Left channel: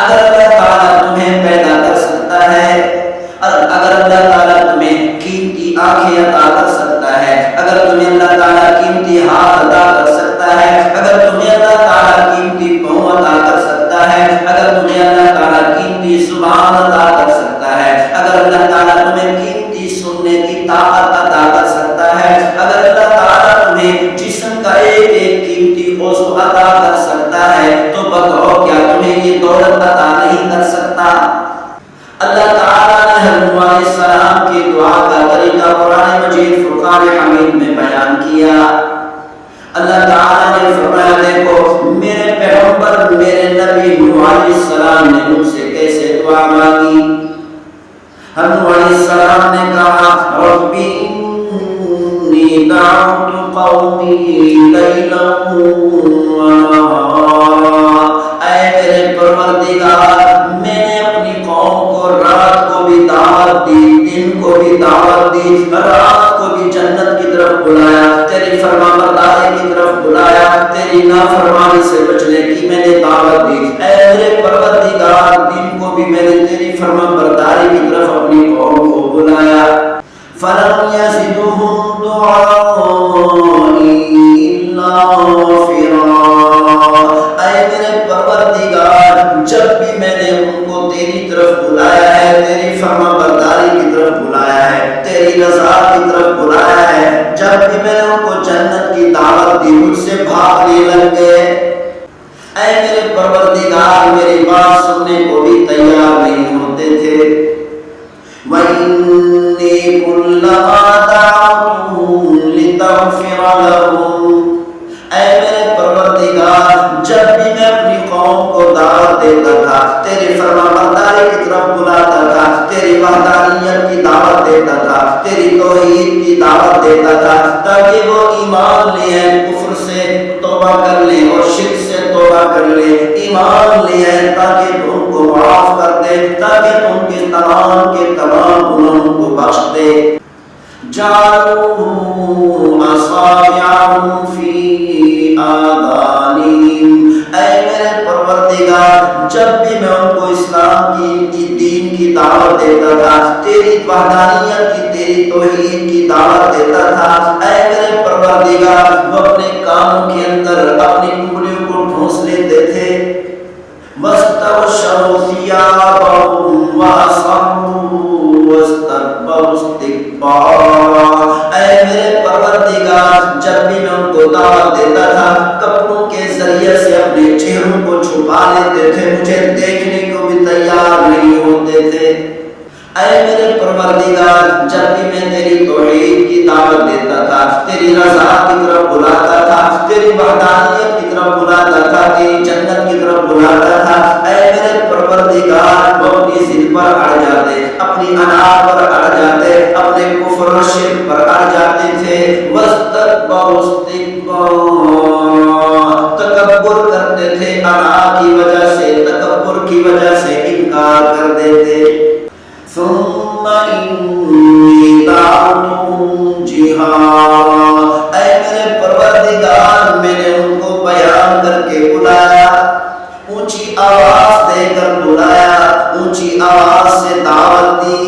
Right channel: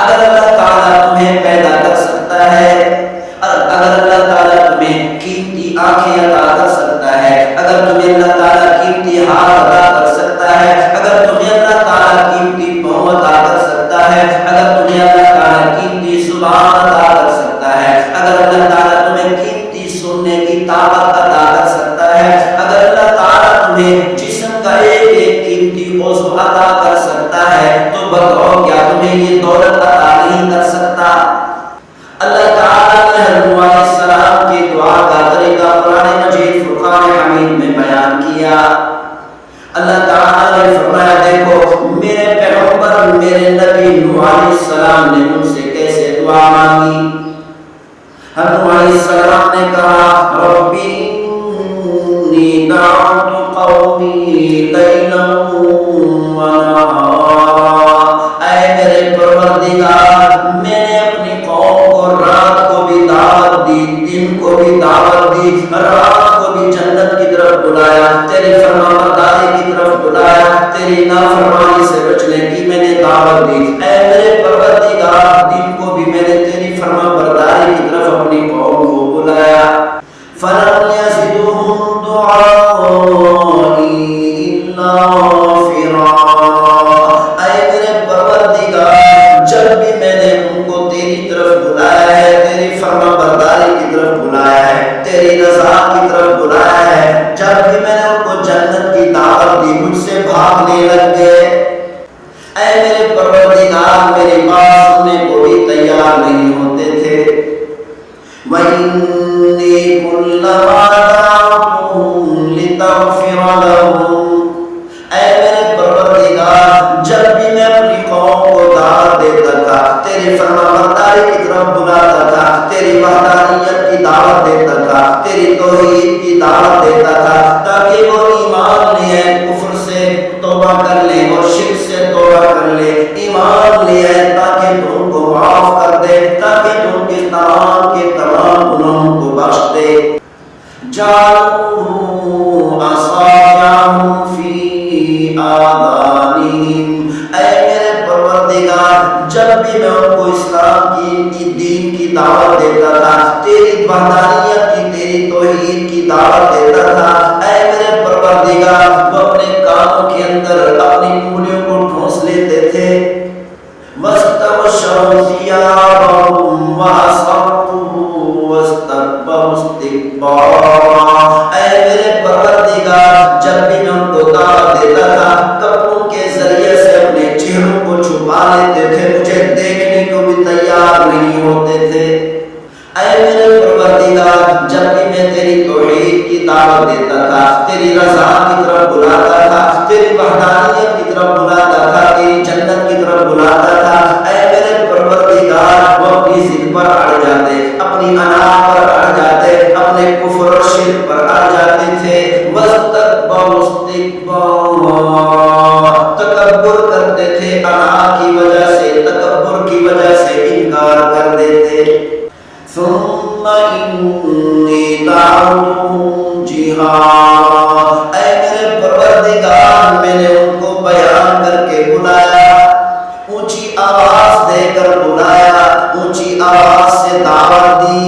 اگر اللہ تعالیٰ تمہیں پیدا کر سکتا ہے، اگر اللہ تعالیٰ تمہیں قیمتی آنکھیں عطا کر سکتا ہے، اگر تمہیں اللہ تعالیٰ قیمتی ہاتھ عطا کر سکتا ہے، اگر تمہیں اللہ تعالیٰ قیمتی پاؤں عطا کر سکتا ہے، اگر تمہیں اللہ تعالیٰ قیمتی زبان عطا کر سکتا ہے، اگر اللہ تعالیٰ تمہیں قیمتی سننے کی طاقت عطا کر سکتا ہے، اگر اللہ تعالیٰ تمہیں جسم کا ایک ایک قیمتی عضو عطا کر سکتا ہے، تو بتاؤ کیا تمہیں یہ دولت عطا نہیں کر سکتا؟ اللہ تعالیٰ نے حضرت نوح علیہ السلام کی دعا کا طریقہ قرآن مجید فرقان حمید میں بیان کیا۔ اللہ تعالیٰ نے فرمایا دیکھو میرے پیغمبر میرے نبی نوح علیہ السلام نے مجھ سے کیسے دعا مانگی۔ حضرت نوح علیہ السلام نے کہا ربی انی دعوت قومی لیلا ونہارا، اے میرے پروردگار میں نے اپنی قوم کو رات کو بھی دعوت دی، دن کو بھی دعوت دی، رات کو بھی جنت کی طرف بلایا، تیری فرما برداری کی طرف بلایا، تیری نافرمانی سے بچنے کی میں نے دعوت دی۔ اے میرے پروردگار دن کو بھی میں نے تیری فرما برداری کی طرف اپنی قوم کو بلایا۔ فَلَمْ يَزِدْهُمْ دُعَائِي إِلَّا فِرَارًا، اے میرے پروردگار جب بھی میں نے ان کو تیری طرف بلایا ہے، تیری فرما برداری کی طرف بلایا ہے، تیری رضا کی طرف بلایا ہے، جب بھی میں نے ان کو جنت کی دعوت دی مجھ سے بھاگنے لگ گئے۔ اے میرے پروردگار میری بات سننے کو بھی تیار نہیں ہوتے تھے۔ وَإِنِّي كُلَّمَا دَعَوْتُهُمْ لِتَغْفِرَ لَهُمْ، اے میرے پروردگار جب بھی میں اپنی قوم کو دعوت دیتا تھا، تیری فرما برداری کی طرف بلاتا تھا، تیری وحدانیت کی دعوت دیتا تھا، تیری توحید کی دعوت دیتا تھا، تاکہ وہ ایمان لے آئے، کفر سے توبہ کر لیں اور شرک سے توبہ کر لیں، ایمان لے آئے تاکہ تم کو معاف کر دے، تاکہ تم کے تمام گناہوں کو بخش دے۔ جعلوا اصابعهم في آذانهم، اے میرے پروردگار جب بھی میں ان کو اسلام کی دین کی دعوت دیتا تھا، تیری وحدانیت کی تیری توحید کی دعوت دیتا تھا، اے میرے پروردگار وہ اپنے کانوں کے اندر اپنی انگلیوں کو ٹھونس لیتے تھے۔ وَاسْتَغْشَوْا ثِيَابَهُمْ وَأَصَرُّوا وَاسْتَكْبَرُوا اسْتِكْبَارًا، اے میرے پروردگار جب بھی میں ان کو دعوت دیتا تھا کپڑوں کے ذریعے سے اپنے چہروں کو چھپا لیتے تھے، مجھے دیکھنے کو بھی تیار نہیں ہوتے تھے۔ اے میرے پروردگار جب بھی میں تیری توحید کی دعوت دیتا تھا، تیری رضا کی طرف بلاتا تھا، تیری وحدانیت کی طرف بلاتا تھا، تیری جنت کی طرف بلاتا تھا، اے میرے پروردگار وہ اپنی ضد پر اڑ جاتے، اپنی انا پر اڑ جاتے، اپنے کفر اور شرک پر اڑ جاتے تھے۔ وَاسْتَكْبَرُوا اسْتِكْبَارًا، تکبر کرتے تھے، انا کی وجہ سے تکبر کی وجہ سے انکار کر دیتے۔ ثم انی دعوتهم جہارا، اے میرے پروردگار میں نے ان کو بیان کر کے بلایا، اونچی آواز دے کر بلایا، اونچی آواز سے دعوت دی۔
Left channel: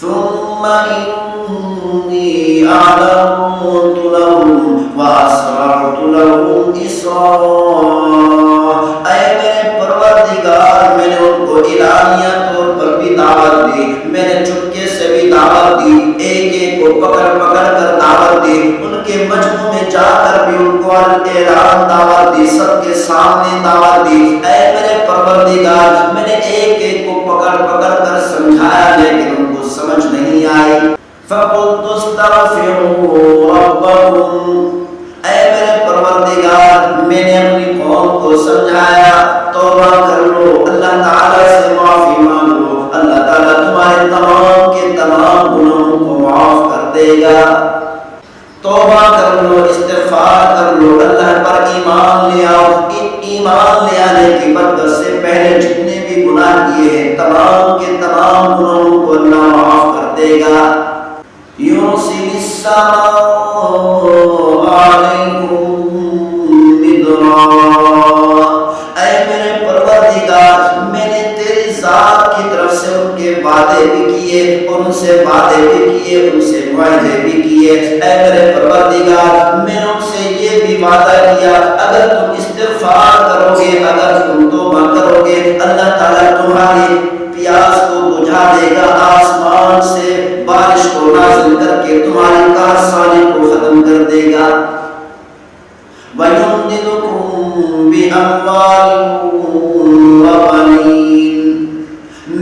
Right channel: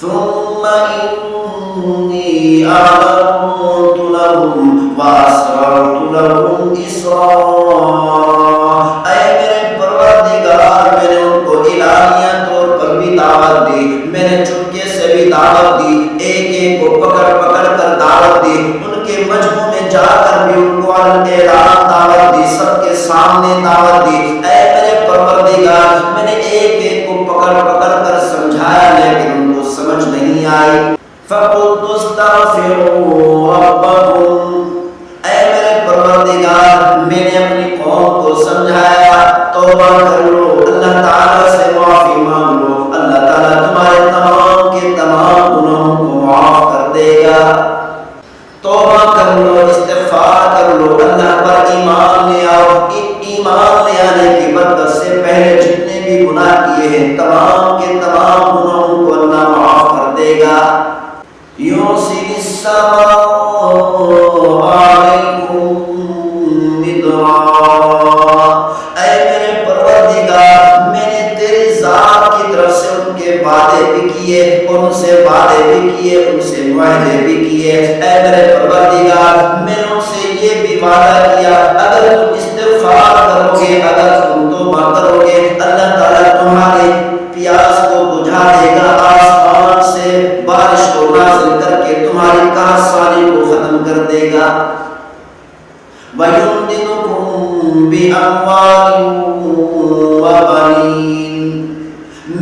ثم انی اعلنت لهم واسررت لهم اسرارا، اے میرے پروردگار میں نے ان کو اعلانیہ طور پر بھی دعوت دی، میں نے چپکے سے بھی دعوت دی، ایک ایک کو پکڑ پکڑ کر دعوت دی، ان کے مجمع میں جا کر بھی ان کو اعلان دعوت دی، سب کے سامنے دعوت دی۔ اے میرے پروردگار میں نے ایک ایک کو پکڑ پکڑ کر سمجھایا لیکن ان کو سمجھ نہیں آئی۔ فَقُلْتُ اسْتَغْفِرُوا رَبَّكُمْ، اے میرے پروردگار میں نے اپنی قوم کو سمجھایا توبہ کر لو، اللہ تعالیٰ سے معافی مانگ لو، اللہ تعالیٰ تمہارے تمام کے تمام گناہوں کو معاف کر دے گا۔ توبہ کر لو، استغفار کر لو، اللہ پر ایمان لے آؤ، ایمان لے آنے کی برکت سے پہلے جتنے بھی گناہ کیے ہیں تمام کے تمام گناہوں کو اللہ معاف کر دے گا۔ يُرْسِلِ السَّمَاءَ عَلَيْكُمْ مِدْرَارًا، اے میرے پروردگار پروردگار میں نے تیری ذات کی طرف سے ان کے وعدے بھی کیے، ان سے وعدے بھی کیے، ان سے معاہدے بھی کیے، اے میرے پروردگار میں نے ان سے یہ بھی وعدہ کیا اگر تم استغفار کرو گے، اگر تم توبہ کرو گے، اللہ تعالیٰ تمہاری پیاس کو بجھا دے گا، آسمان سے بارش کو نازل کر کے تمہاری قحط سالی کو ختم کر دے گا۔ وَيُمْدِدُكُمْ بِأَمْوَالٍ وَبَنِينَ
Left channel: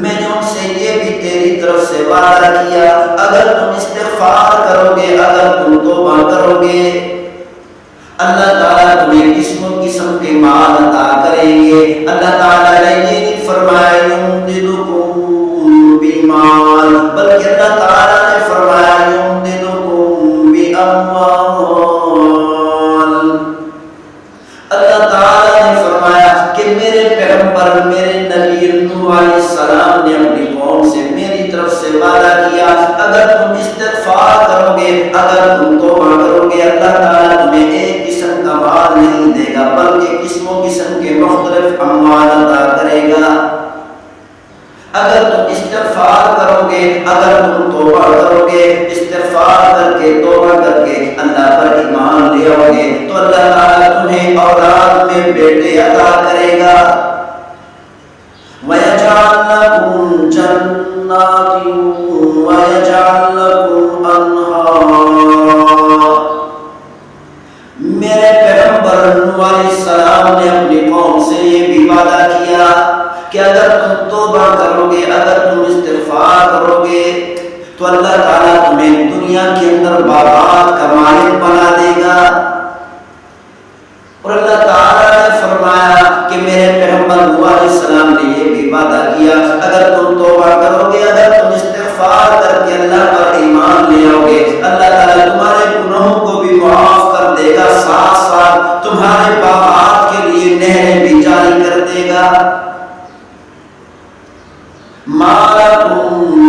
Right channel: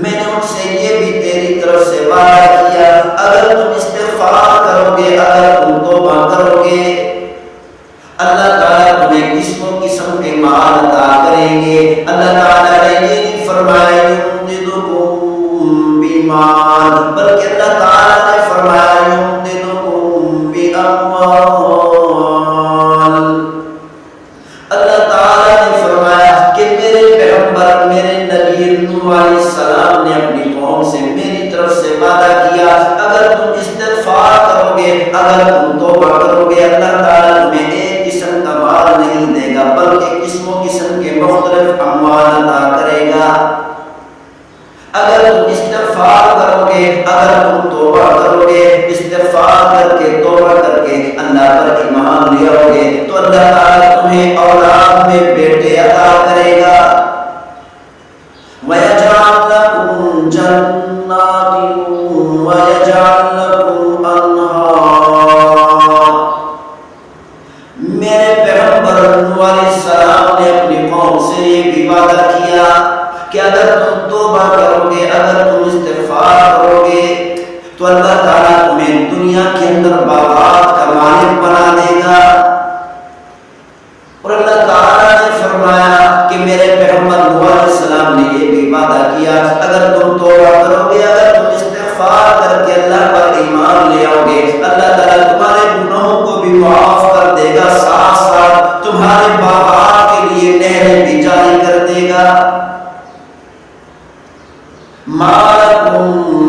میں نے ان سے یہ بھی تیری طرف سے وعدہ کیا اگر تم استغفار کرو گے، اگر تم توبہ کرو گے، اللہ تعالیٰ تمہیں قسم و قسم کے مال عطا کریں گے۔ اللہ تعالیٰ نے یہ نہیں فرمایا یمددکم بمال، بلکہ اللہ تعالیٰ نے فرمایا یمددکم باموال۔ اللہ تعالیٰ نے فرمایا کہ میرے پیغمبر میرے نبی نوح علیہ السلام نے اپنی قوم سے میری طرف سے وعدہ کیا اگر تم استغفار کرو گے، اگر تم توبہ کرو گے، اللہ تعالیٰ تمہیں ایک قسم کا مال نہیں دے گا بلکہ قسم و قسم کے مختلف اموال عطا کرے گا۔ اگر تم استغفار کرو گے، اگر تم توبہ کرو گے، استغفار کر کے توبہ کر کے اللہ پر ایمان لے آؤ گے تو اللہ تعالیٰ تمہیں اولاد میں بیٹے عطا کرے گا۔ وَيَجْعَلْ لَكُمْ جَنَّاتٍ وَيَجْعَلْ لَكُمْ أَنْهَارًا۔ میرے پیغمبر نوح علیہ السلام نے اپنی قوم سے یہ بھی وعدہ کیا کہ اگر تم توبہ کرو گے، اگر تم استغفار کرو گے تو اللہ تعالیٰ تمہیں دنیا کے اندر باغات کا مالک بنا دے گا۔ اور اللہ تعالیٰ نے فرمایا کہ میرے پیغمبر نوح علیہ السلام نے یہ بھی وعدہ کیا اگر تم توبہ کرو گے، اگر تم استغفار کر کے اللہ پر ایمان لے آؤ گے، اللہ تعالیٰ تمہارے گناہوں کو بھی معاف کر دے گا، ساتھ ساتھ تمہارے باغات کے لیے نہریں بھی جاری کر دے گا۔ مَا لَكُمْ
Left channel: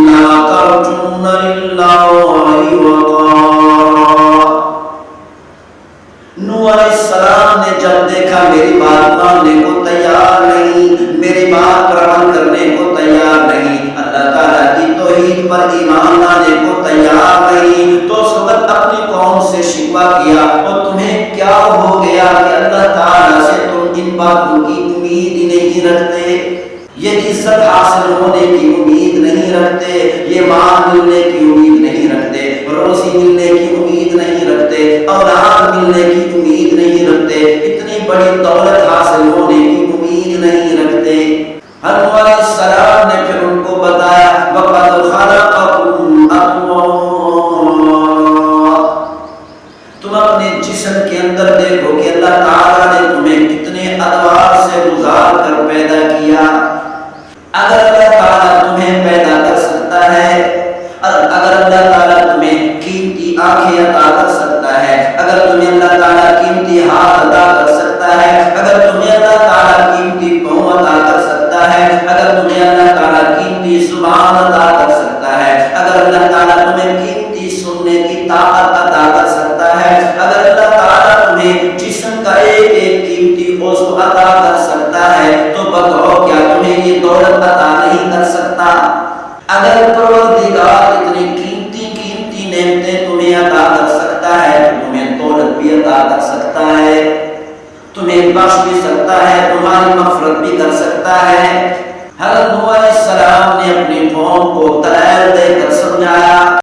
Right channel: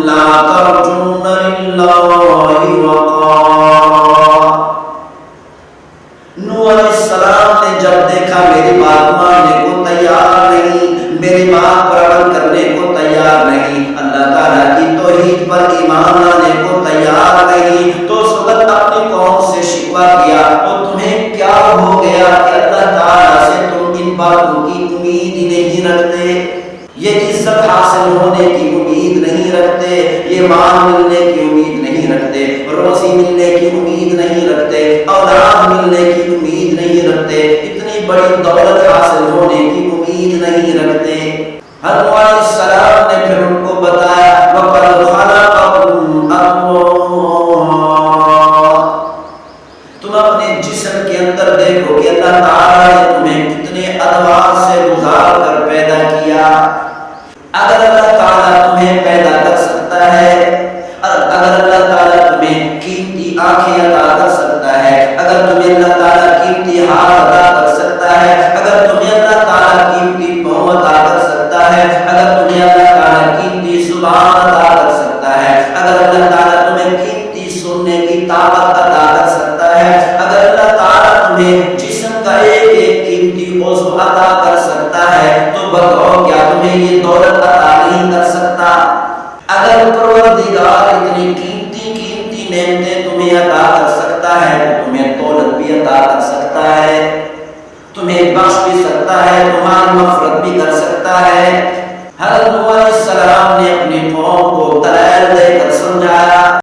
لَا تَرْجُونَ لِلَّهِ وَقَارًا۔ نوح علیہ السلام نے جب دیکھا میری بات ماننے کو تیار نہیں، میری بات پر عمل کرنے کو تیار نہیں، اللہ تعالیٰ کی توحید پر ایمان لانے کو تیار نہیں، تو اس وقت اپنی قوم سے شکوہ کیا اور تمہیں کیا ہو گیا کہ اللہ تعالیٰ سے تم ان باتوں کی امید ہی نہیں رکھتے، یہ عزت حاصل ہونے کی امید نہیں رکھتے، یہ مال ملنے کی امید نہیں رکھتے، روزی ملنے کی امید نہیں رکھتے، اولاد ملنے کی امید نہیں رکھتے، اتنی بڑی دولت حاصل ہونے کی امید نہیں رکھتے۔ نوح علیہ السلام نے پھر ان کو بتایا وَقَدْ خَلَقَكُمْ أَطْوَارًا۔ تم اپنے جسم کے اندر دیکھو کہ اللہ تعالیٰ نے تمہیں کتنے ادوار سے گزار کر پیدا کیا۔ اگر اللہ تعالیٰ تمہیں پیدا کر سکتا ہے، اگر اللہ تعالیٰ تمہیں قیمتی آنکھیں عطا کر سکتا ہے، اگر تمہیں اللہ تعالیٰ قیمتی ہاتھ عطا کر سکتا ہے، اگر تمہیں اللہ تعالیٰ قیمتی پاؤں عطا کر سکتا ہے، اگر تمہیں اللہ تعالیٰ قیمتی زبان عطا کر سکتا ہے، اگر اللہ تعالیٰ تمہیں قیمتی سننے کی طاقت عطا کر سکتا ہے، اگر اللہ تعالیٰ تمہیں جسم کا ایک ایک قیمتی عضو عطا کر سکتا ہے تو بتاؤ کیا تمہیں یہ دولت عطا نہیں کر سکتا؟ اگر پروردگار اتنی قیمتی نعمتیں تمہیں عطا کر سکتا ہے تو تمہیں دولت بھی عطا کر سکتا ہے، تمہیں بخش بھی سکتا ہے، تمہاری مغفرت بھی کر سکتا ہے۔ حضرت نوح علیہ السلام نے اپنی قوم کو دلائل